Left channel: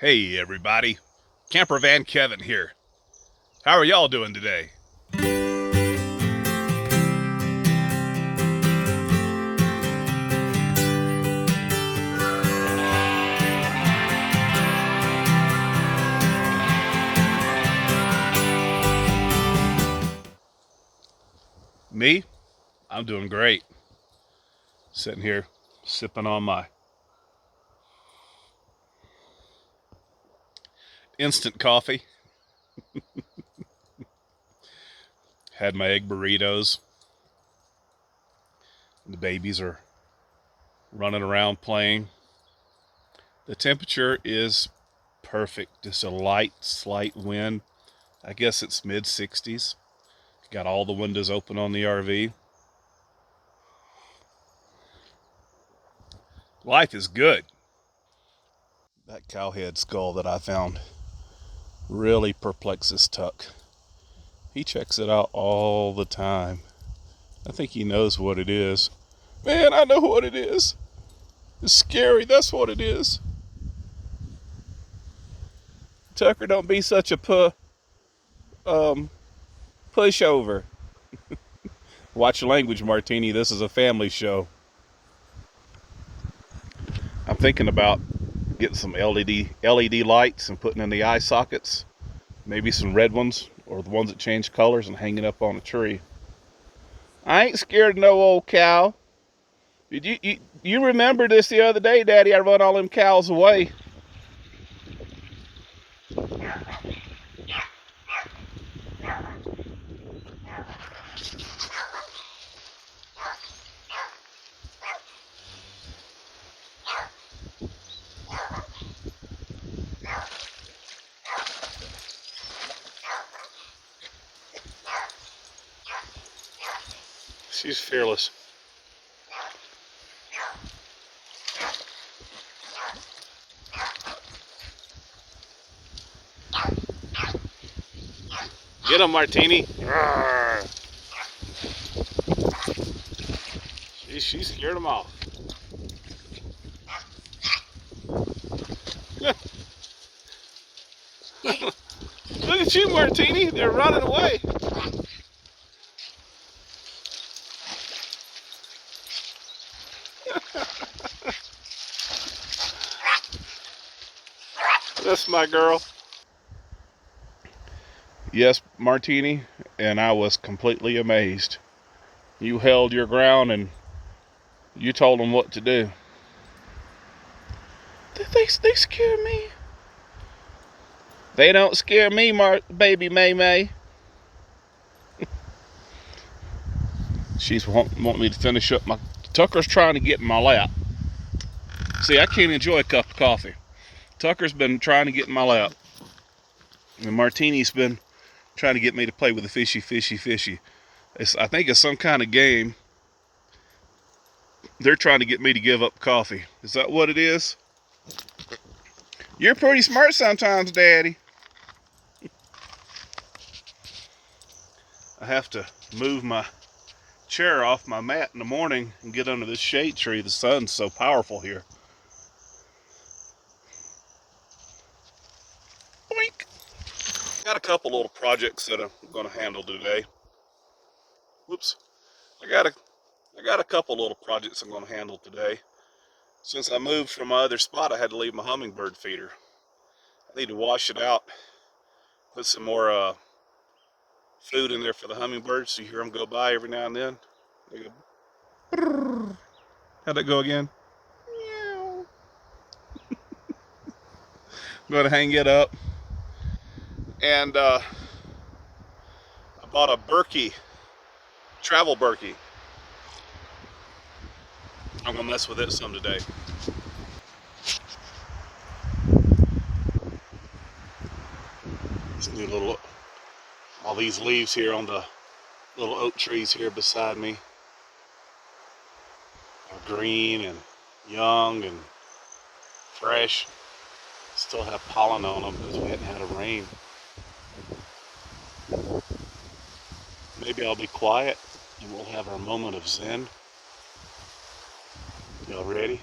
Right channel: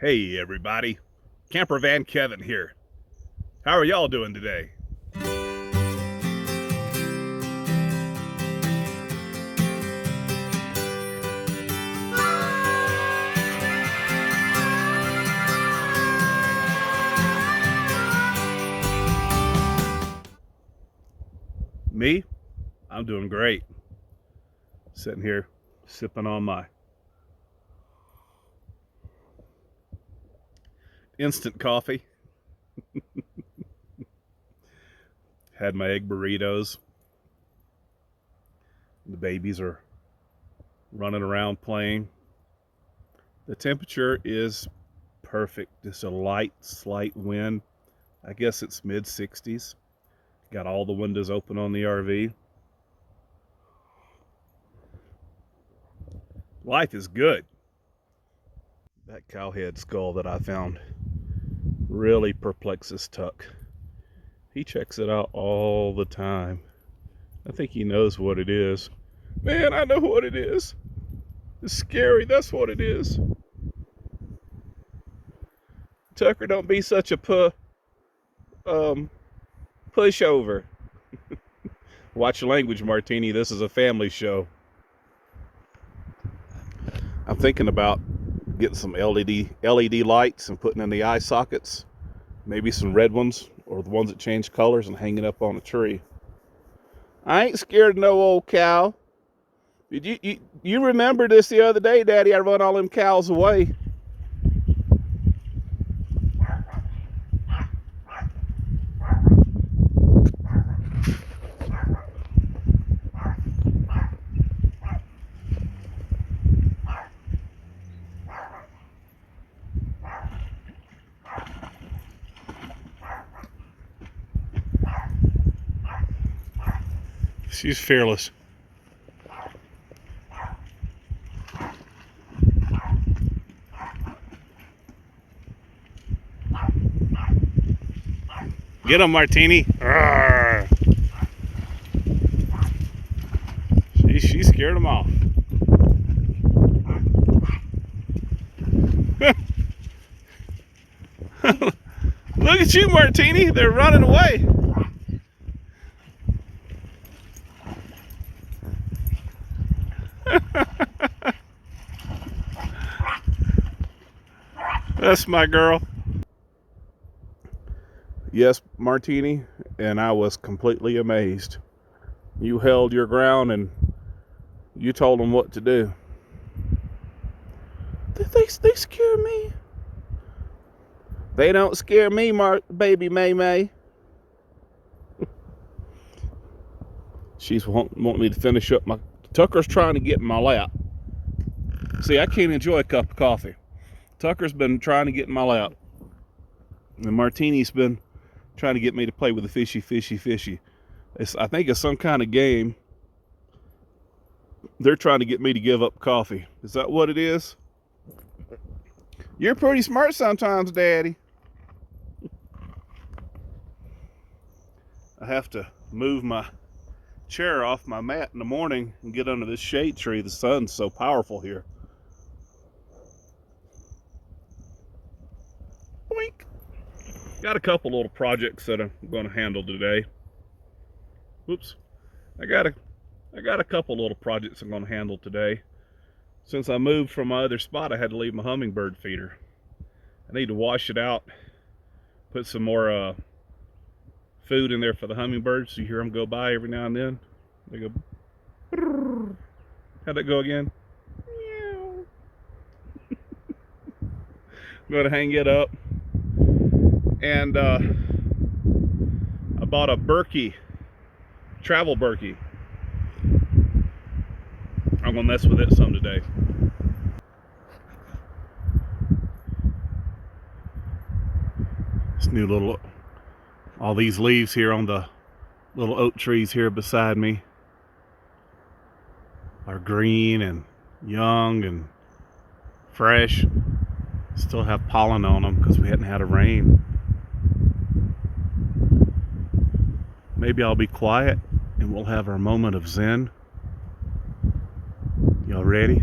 Hey everybody, Camper Van Kevin here. How are y'all doing today? Me? I'm doing great. Sitting here sipping on my instant coffee. Had my egg burritos. The babies are running around playing. The temperature is perfect. Just a light, slight wind. I guess it's mid-60s. Got all the windows open on the RV. Life is good. That cowhead skull that I found really perplexes Tuck. He checks it out all the time. I think he knows what it is. Man, I know what it is. It's scary, that's what it is. Tucker, don't be such a pushover. Watch your language, Martini. This is a family show. I'm thinking about getting some LED lights and putting in the eye sockets. Maybe some red ones or the ones that change colors and hanging up on a tree. I ain't scared of no old cow. Did you remember this the other day, Daddy? I run all them cows away. She's fearless. Get him, Martini. She scared him off. Look at you, Martini. They're running away. That's my girl. Yes, Martini, and I was completely amazed. You held your ground and you told them what to do. They scare me. They don't scare me, baby MaeMae. She's wanting me to finish up my... Tucker's trying to get in my lap. See, I can't enjoy a cup of coffee. Tucker's been trying to get in my lap. And Martini's been trying to get me to play with the fishy. I think it's some kind of game. They're trying to get me to give up coffee. Is that what it is? You're pretty smart sometimes, Daddy. I have to move my chair off my mat in the morning and get under this shade tree. The sun's so powerful here. Boink. Got a couple little projects that I'm going to handle today. Whoops. I got a couple little projects I'm going to handle today. Since I moved from my other spot, I had to leave my hummingbird feeder. I need to wash it out, put some more food in there for the hummingbirds. So you hear them go by every now and then. They go, brrr. How'd that go again? Meow. I'm going to hang it up. And I bought a Berkey, travel Berkey. I'm gonna mess with it some today. This new little, all these leaves here on the little oak trees here beside me are green and young and fresh. Still have pollen on them because we hadn't had a rain. Maybe I'll be quiet and we'll have our moment of zen. Y'all ready?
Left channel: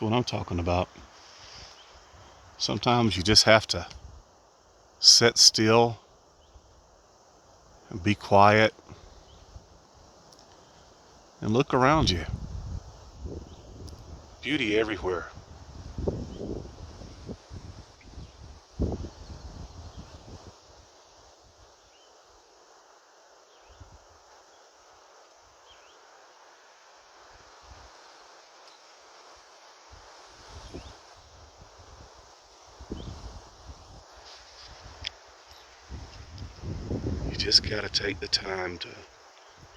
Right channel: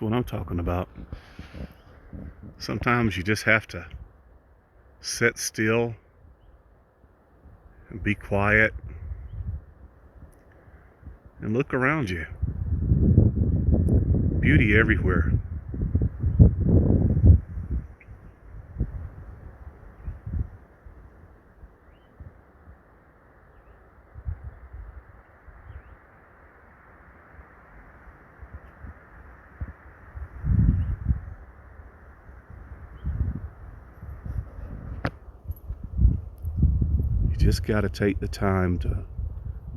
That's what I'm talking about. Sometimes you just have to sit still and be quiet and look around you. Beauty everywhere. You just got to take the time to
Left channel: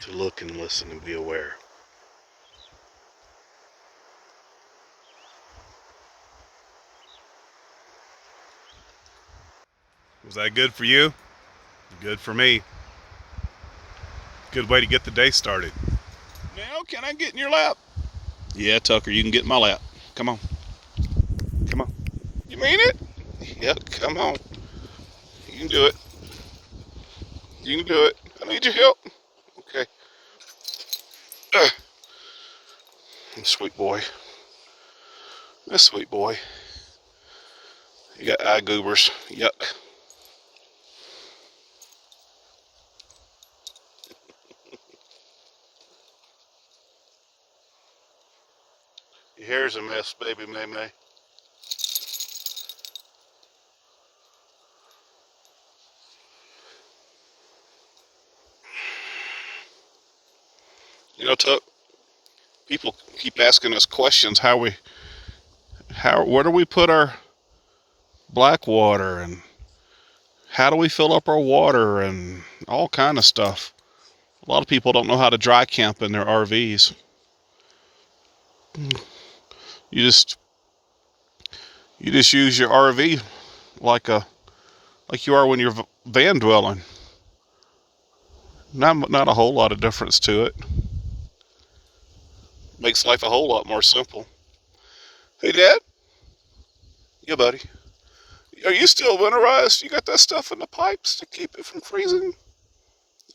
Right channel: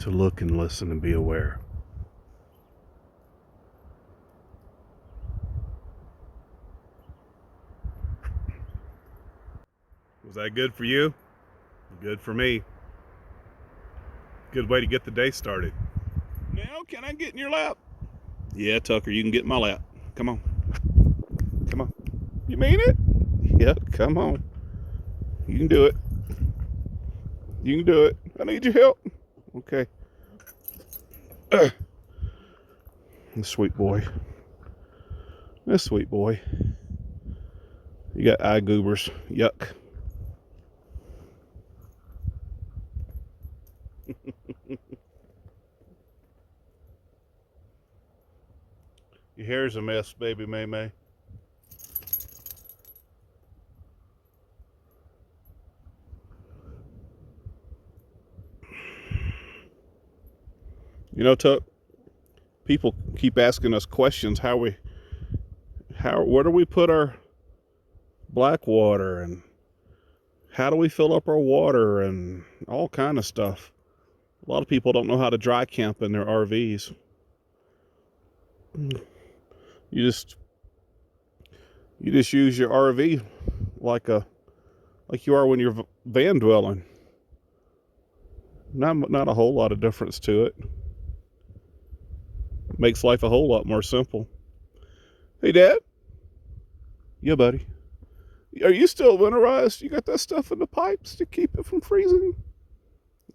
look and listen and be aware. Was that good for you? Good for me. Good way to get the day started. Now, can I get in your lap? Yeah, Tucker, you can get in my lap. Come on. Come on. You mean it? Yep, come on. You can do it. You can do it. I need your help. Okay. Sweet boy. This sweet boy. You got eye goobers. Yuck. Your hair's a mess, baby MaeMae. You know, Tuck, people keep asking us questions. Where do we put our black water, and how do we fill up our water, and all kind of stuff. A lot of people don't know how to dry camp in their RVs. You just use your RV like you are when you're van dwelling. Not a whole lot of difference to it. Makes life a whole lot more simple. Hey, Dad. Yeah, buddy. Are you still winterized? You got that stuff in the pipes to keep it from freezing?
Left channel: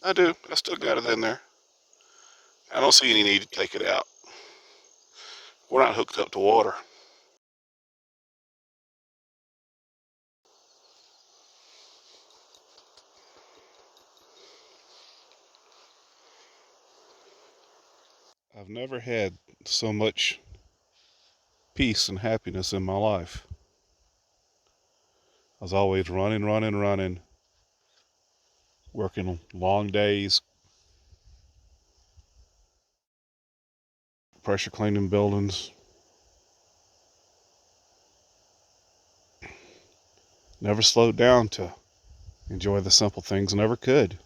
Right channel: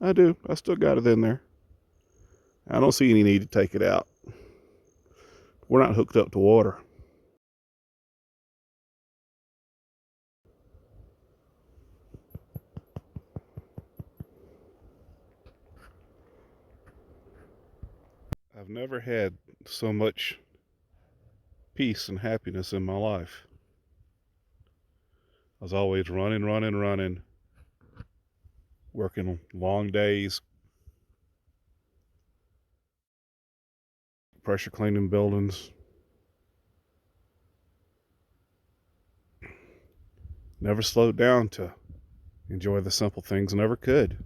I do. I still got it in there. I don't see any need to take it out. We're not hooked up to water. I've never had so much peace and happiness in my life. I was always running, working long days, pressure cleaning buildings. Never slowed down to enjoy the simple things, never could.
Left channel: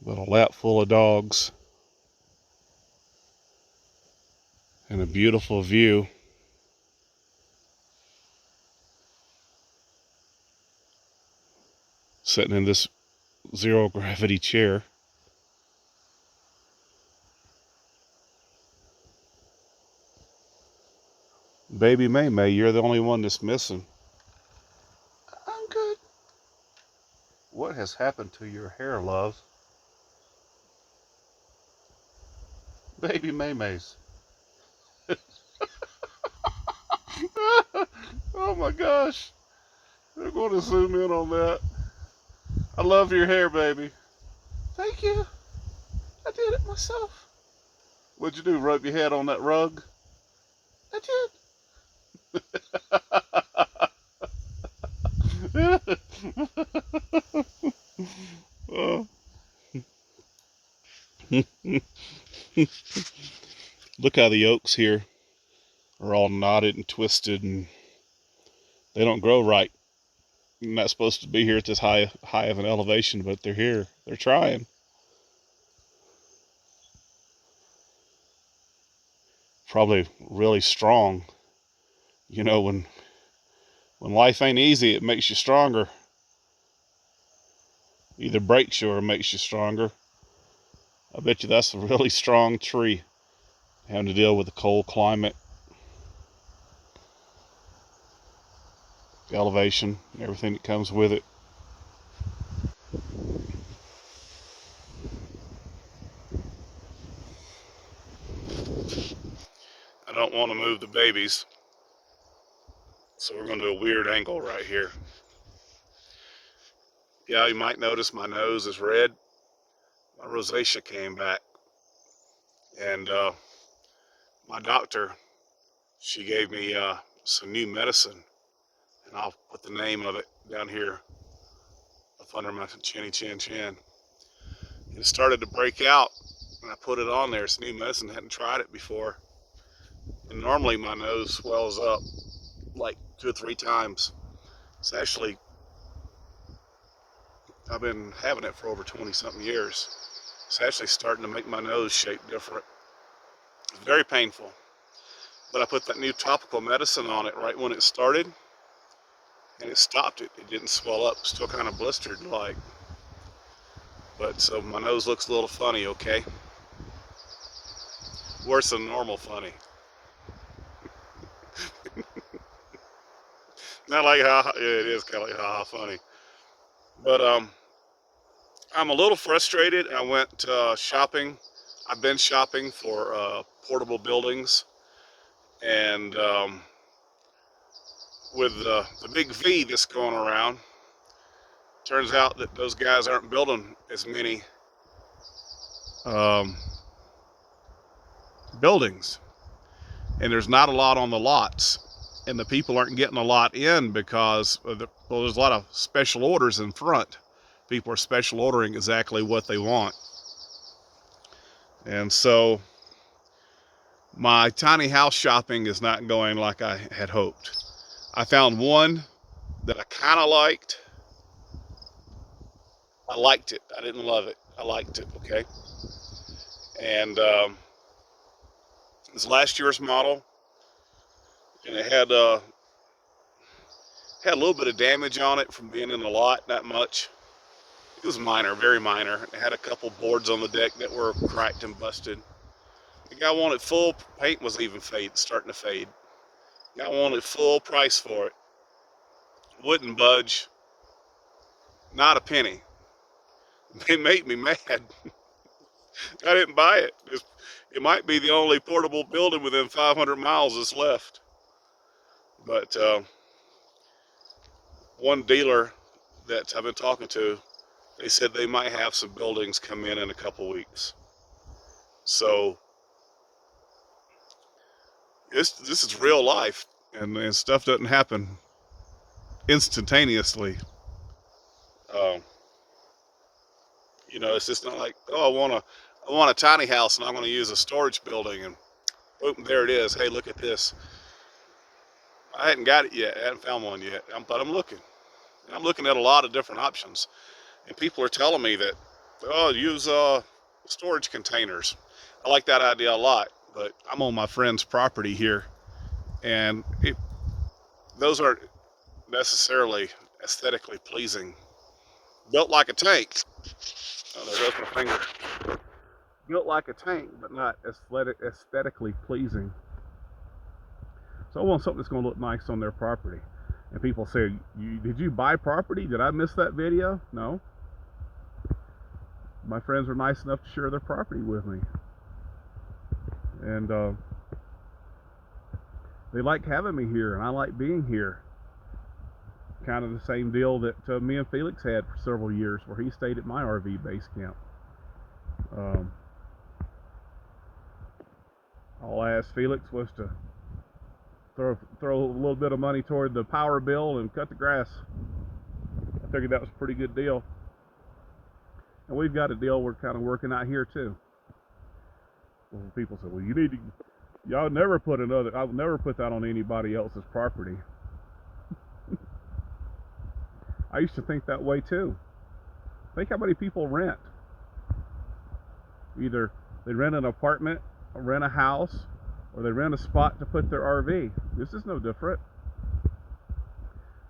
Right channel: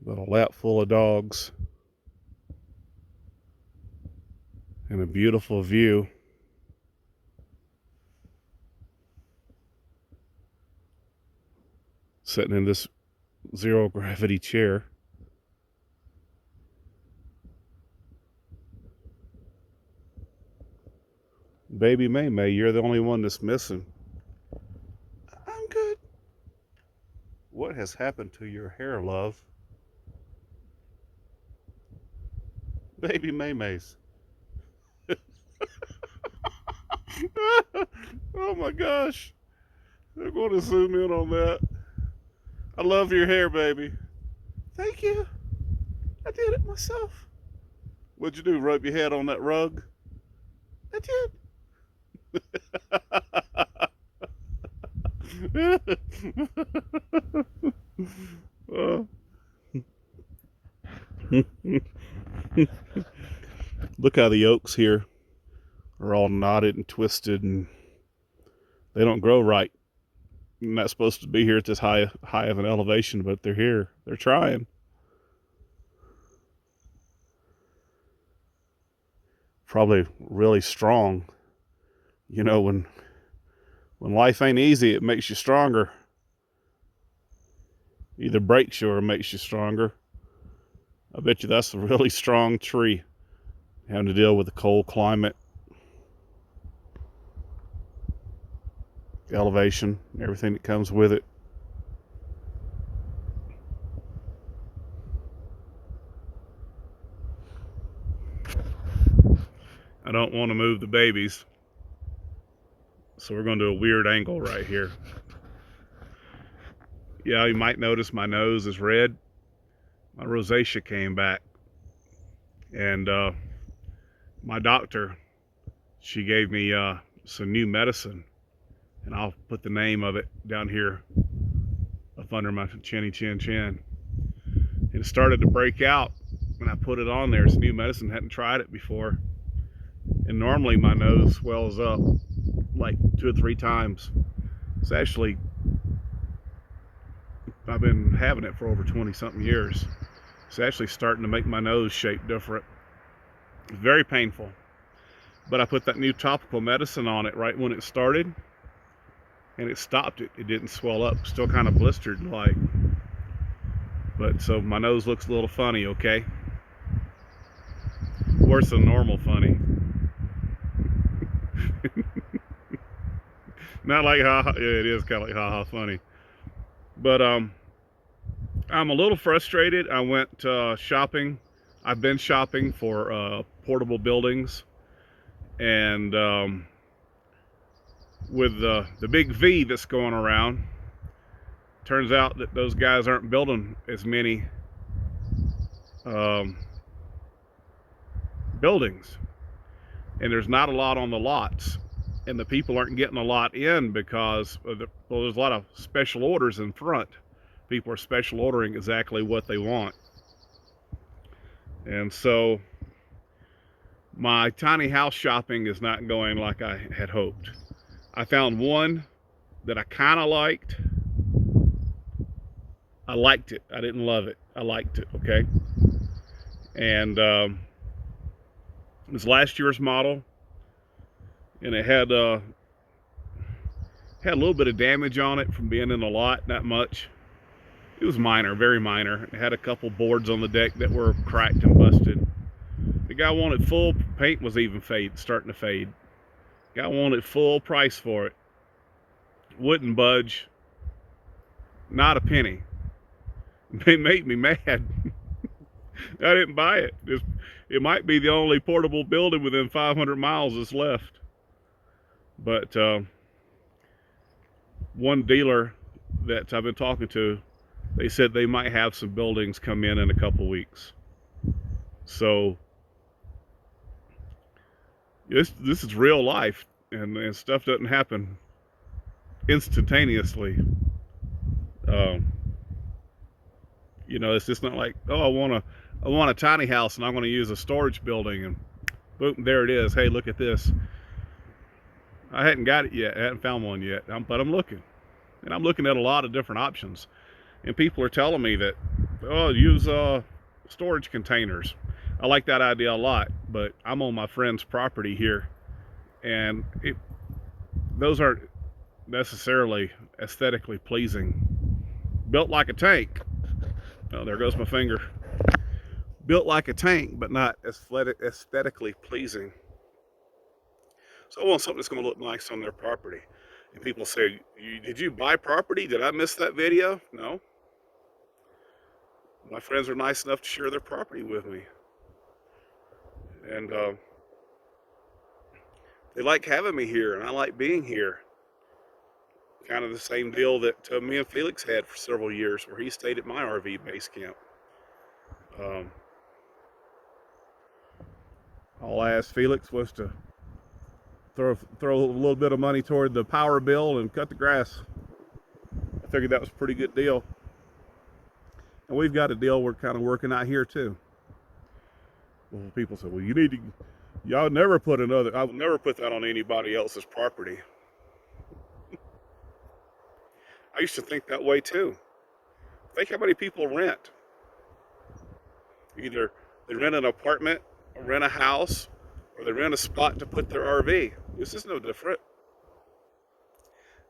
But a lap full of dogs and a beautiful view. Sitting in this zero gravity chair. Baby MaeMae, you're the only one that's missing. I'm good. What has happened to your hair, love? Baby MaeMae's. Oh my gosh. I'm going to zoom in on that. I love your hair, baby. Thank you. I did it myself. What'd you do, rub your head on that rug? I did. Look how the oaks here are all knotted and twisted, and they don't grow right. They're not supposed to be here at this high of an elevation, but they're here. They're trying. Probably really strong. You know, when life ain't easy, it makes you stronger. Either breaks you or makes you stronger. I bet you that's a really strong tree, having to deal with the cold climate, elevation, everything that comes with it. I don't want to move the babies. So we're going to do a weird angle right here. Yeah, you might notice my nose is red. My rosacea came back. And my doctor, she gave me some new medicine. And I'll put the name of it down here up under my chinny chin chin. It started to break out and I put it on there. It's new medicine, hadn't tried it before. And normally my nose swells up like 2 or 3 times. It's actually, I've been having it for over 20 something years. It's actually starting to make my nose shape different. It's very painful. But I put that new topical medicine on it right when it started and it stopped it. It didn't swell up, still kind of blistered like. But so my nose looks a little funny, okay? Worse than normal funny. Not like ha, yeah, it is kind of like ha funny. But I'm a little frustrated. I went shopping. I've been shopping for portable buildings, and with the big V that's going around, turns out that those guys aren't building as many buildings, and there's not a lot on the lots, and the people aren't getting a lot in because of well, there's a lot of special orders in front. People are special ordering exactly what they want. And so my tiny house shopping is not going like I had hoped. I found one that I kind of liked. I liked it. I didn't love it. I liked it, okay? And it's last year's model, and it had a little bit of damage on it from being in a lot, not much. It was minor, very minor. It had a couple boards on the deck that were cracked and busted. The guy wanted full, paint was even starting to fade. The guy wanted full price for it. Wouldn't budge, not a penny. It made me mad. I didn't buy it. It might be the only portable building within 500 miles that's left. But one dealer that I've been talking to, they said they might have some buildings come in a couple weeks. So this is real life, and stuff doesn't happen instantaneously. You know, it's just not like, oh, I want a tiny house and I'm going to use a storage building, and boom, there it is. Hey, look at this. I hadn't got it yet. I hadn't found one yet, but I'm looking, and I'm looking at a lot of different options. And people are telling me that, oh, use storage containers. I like that idea a lot, but I'm on my friend's property here, and those aren't necessarily aesthetically pleasing. Built like a tank. Oh, there goes my finger. Built like a tank, but not aesthetically pleasing. So I want something that's going to look nice on their property. And people say, did you buy property? Did I miss that video? No. My friends are nice enough to share their property with me. And they like having me here, and I like being here. Kind of the same deal that me and Felix had for several years, where he stayed at my RV base camp. All I asked Felix was to throw a little bit of money toward the power bill and cut the grass. I figured that was a pretty good deal. And we've got a deal we're kind of working out here too. Well, people say, well, y'all never put I would never put that on anybody else's property. I used to think that way too. Think how many people rent. Either they rent an apartment, or rent a house, or they rent a spot to put their RV. This is no different.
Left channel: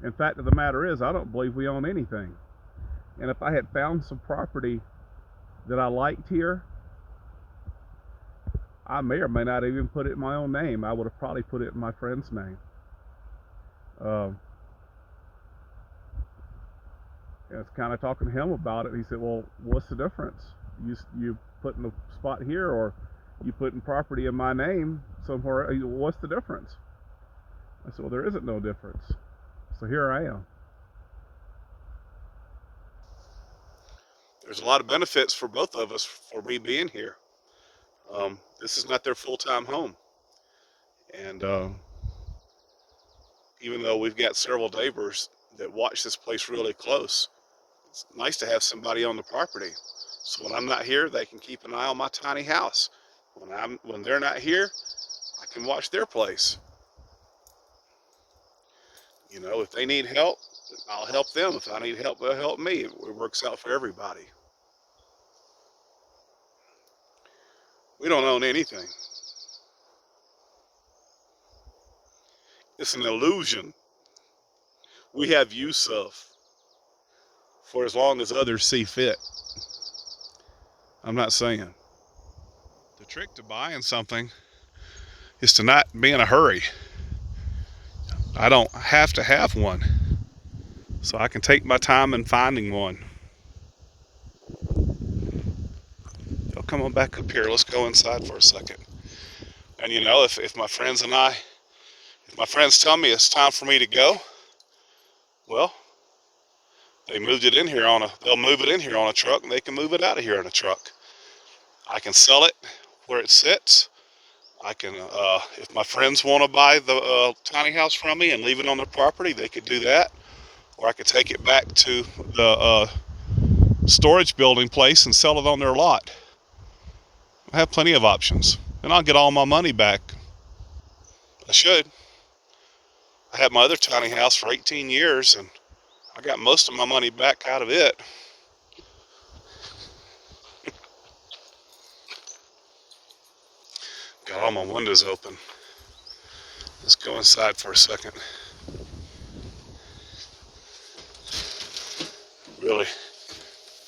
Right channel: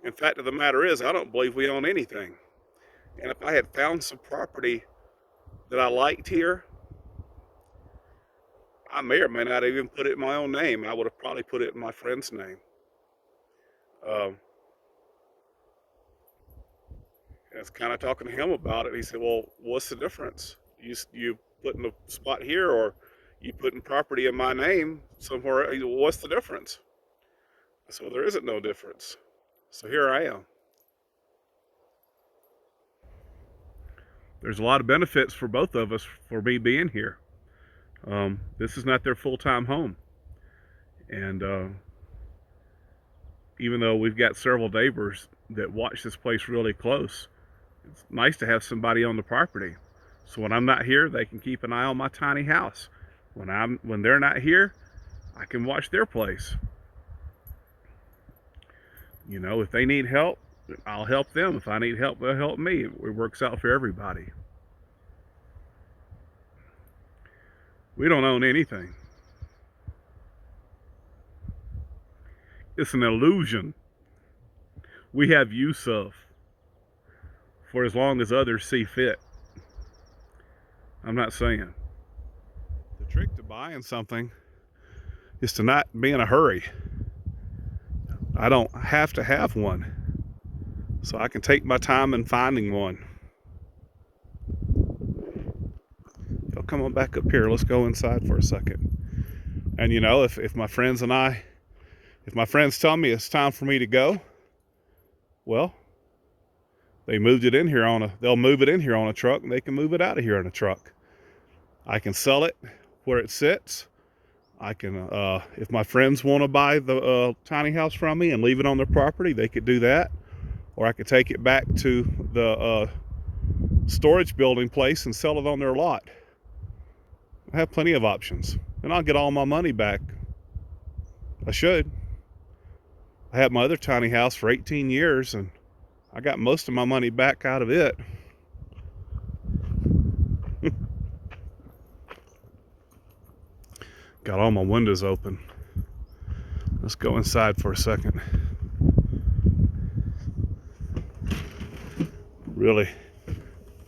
In fact of the matter is, I don't believe we own anything. And if I had found some property that I liked here, I may or may not even put it in my own name. I would have probably put it in my friend's name. I was kind of talking to him about it. He said, well, what's the difference? You putting a spot here, or You putting property in my name somewhere, what's the difference? I said, well, there isn't no difference. So here I am. There's a lot of benefits for both of us for me being here. This is not their full-time home. And even though we've got several neighbors that watch this place really close, it's nice to have somebody on the property. So when I'm not here, they can keep an eye on my tiny house. When they're not here, I can watch their place. You know, if they need help, I'll help them. If I need help, they'll help me. It works out for everybody. We don't own anything. It's an illusion we have use of for as long as others see fit. I'm not saying. The trick to buying something is to not be in a hurry. I don't have to have one, so I can take my time in finding one. So come on back up here. Let's go inside for a second. And you know, if my friends tell me it's time for me to go, well, they'll move it in here on a truck, and they can move it out of here in a truck. I can sell it where it sits. I can, if my friends want to buy the tiny house from me and leave it on their property, they could do that. Or I could take it back to the storage building place and sell it on their lot. I have plenty of options, and I'll get all my money back. I should. I had my other tiny house for 18 years, and I got most of my money back out of it. Got all my windows open. Let's go inside for a second. Really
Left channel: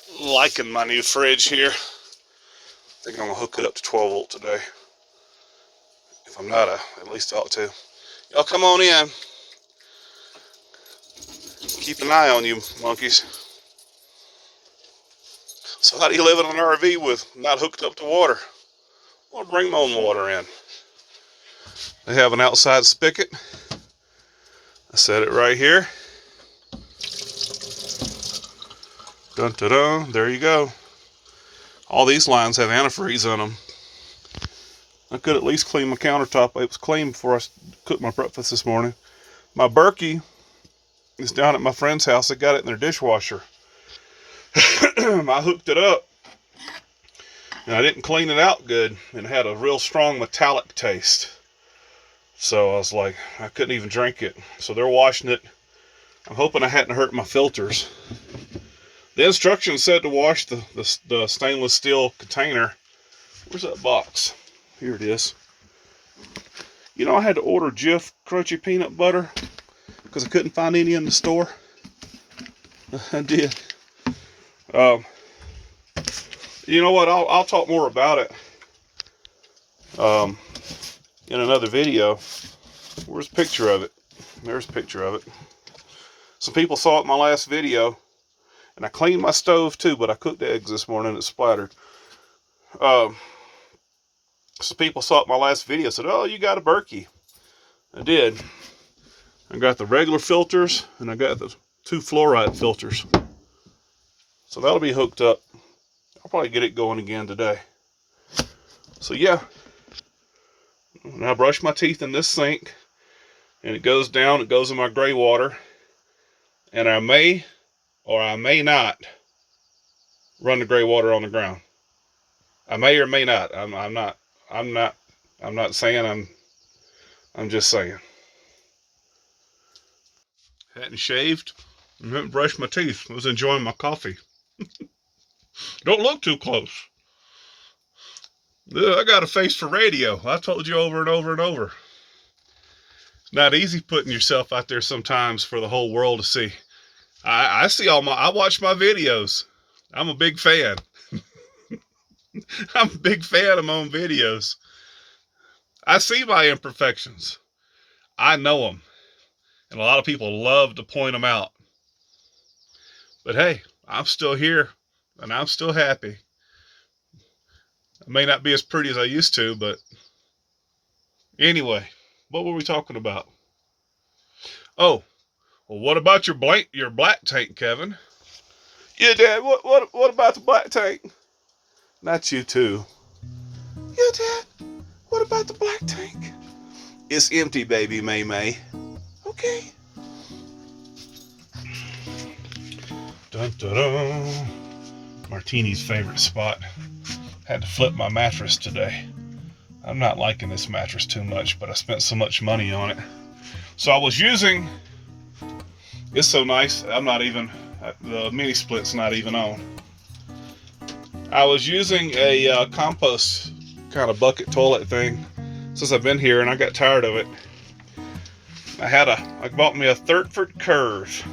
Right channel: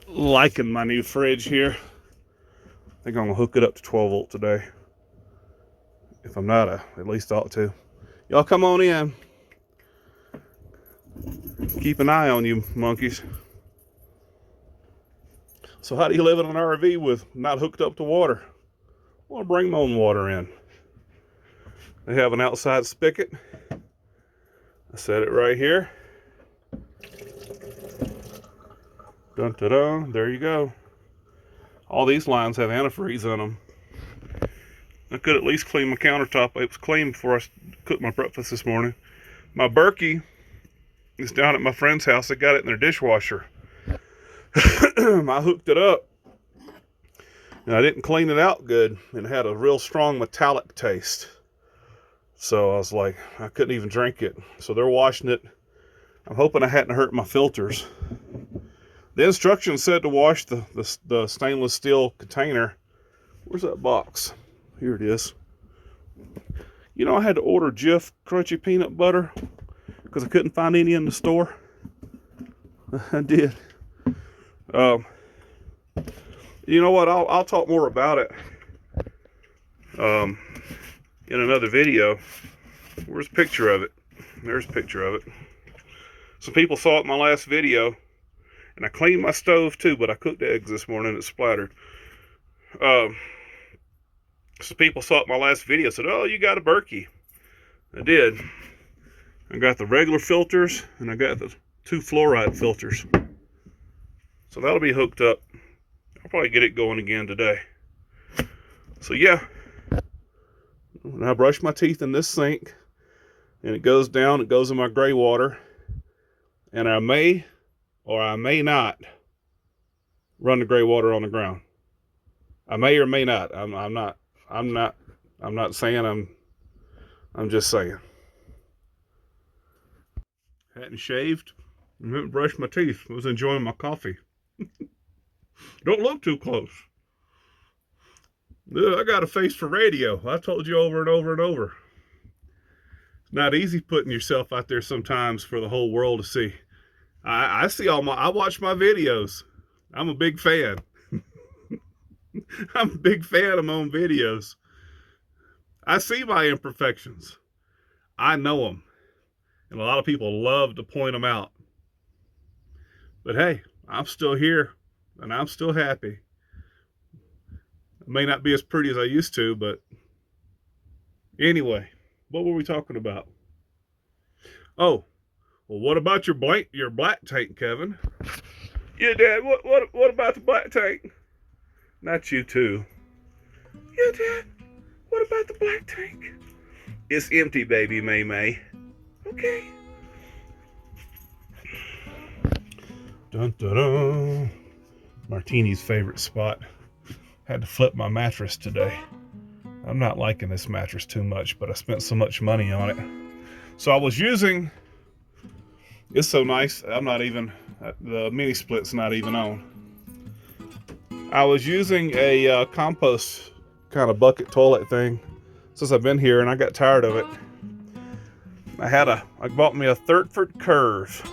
liking my new fridge here. I think I'm gonna hook it up to 12 volt today. If I'm not, at least I ought to. Y'all come on in. Keep an eye on you monkeys. So how do you live in an RV with not hooked up to water? Well, bring my own water in. They have an outside spigot. I set it right here. Dun dun dun, there you go. All these lines have antifreeze on them. I could at least clean my countertop. It was clean before I cooked my breakfast this morning. My Berkey is down at my friend's house. They got it in their dishwasher. I hooked it up, and I didn't clean it out good, and it had a real strong metallic taste. So I was like, I couldn't even drink it. So they're washing it. I'm hoping I hadn't hurt my filters. The instructions said to wash the stainless steel container. Where's that box? Here it is. You know, I had to order Jif crunchy peanut butter because I couldn't find any in the store. I did. You know what? I'll talk more about it in another video. Where's a picture of it? There's a picture of it. Some people saw it in my last video, and I cleaned my stove too, but I cooked eggs this morning and it splattered. Some people saw it in my last video, said, "Oh, you got a Berkey." I did. I got the regular filters, and I got the 2 fluoride filters. So that'll be hooked up. I'll probably get it going again today. So yeah, when I brush my teeth in this sink, and it goes down, it goes in my gray water, and I may or I may not run the gray water on the ground. I may or may not. I'm not saying. I'm just saying. Hadn't shaved and hadn't brushed my teeth. I was enjoying my coffee. Don't look too close. I got a face for radio. I told you over and over and over. It's not easy putting yourself out there sometimes for the whole world to see. I watch my videos. I'm a big fan. I'm a big fan of my own videos. I see my imperfections. I know them. And a lot of people love to point them out. But hey, I'm still here, and I'm still happy. May not be as pretty as I used to, but anyway, what were we talking about? Oh, well, what about your black tank, Kevin? Yeah, Dad, what about the black tank? Not you too. Yeah, Dad, what about the black tank? It's empty, baby, MaeMae. Okay. Dun, dun, dun. Martini's favorite spot. Had to flip my mattress today. I'm not liking this mattress too much, but I spent so much money on it. So I was using, it's so nice, I'm not even, the mini split's not even on. I was using a compost kind of bucket toilet thing since I've been here, and I got tired of it. I bought me a Thetford Curve.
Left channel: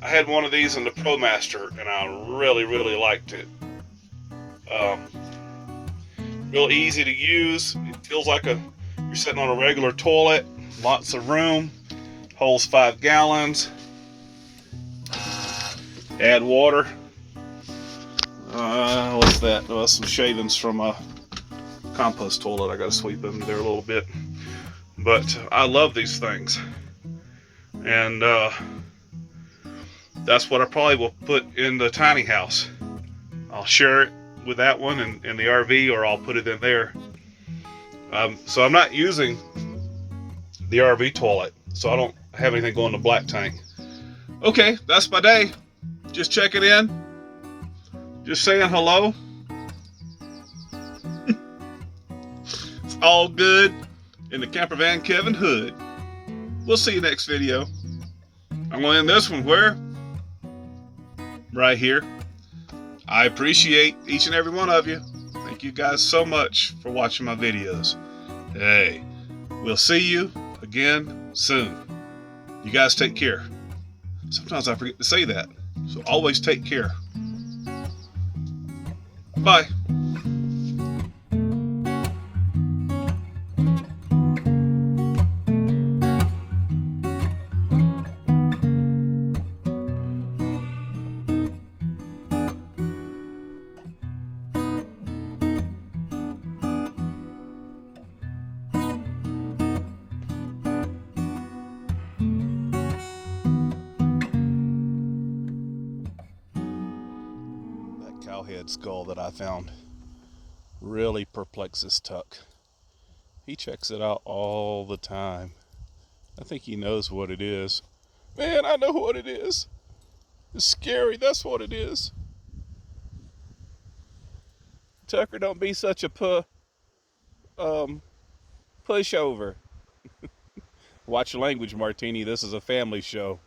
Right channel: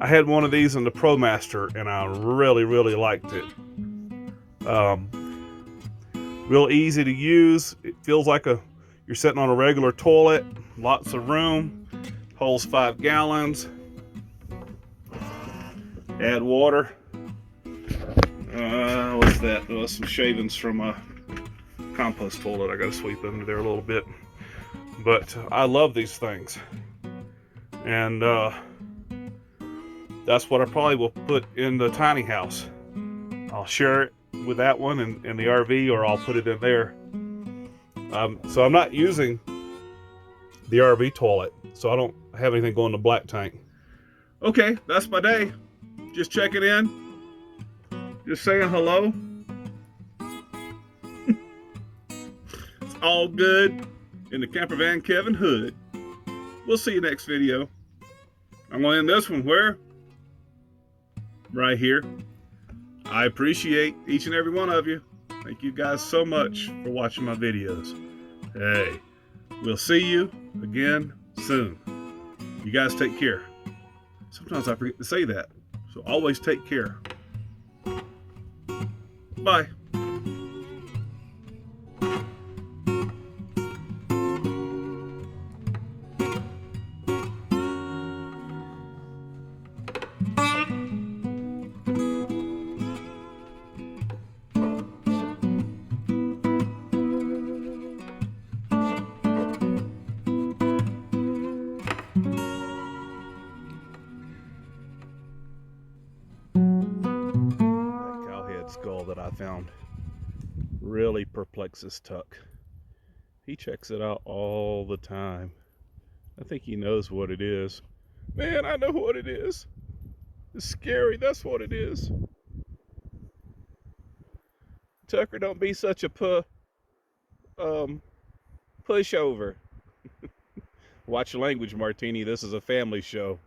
I had one of these in the ProMaster, and I really, really liked it. Real easy to use. It feels like you're sitting on a regular toilet. Lots of room. Holds 5 gallons. Add water. What's that? Oh, some shavings from a compost toilet. I got to sweep in there a little bit. But I love these things. And that's what I probably will put in the tiny house. I'll share it with that one in the RV, or I'll put it in there. So I'm not using the RV toilet, so I don't have anything going to black tank. Okay, that's my day. Just checking in. Just saying hello. It's all good in the camper van Kevin hood. We'll see you next video. I'm going to end this one where? Right here. I appreciate each and every one of you. Thank you guys so much for watching my videos. Hey, we'll see you again soon. You guys take care. Sometimes I forget to say that, so always take care. Bye. Cowhead skull that I found really perplexes Tuck. He checks it out all the time. I think he knows what it is. Man, I know what it is. It's scary, that's what it is. Tucker, don't be such a pushover. Watch your language, Martini. This is a family show.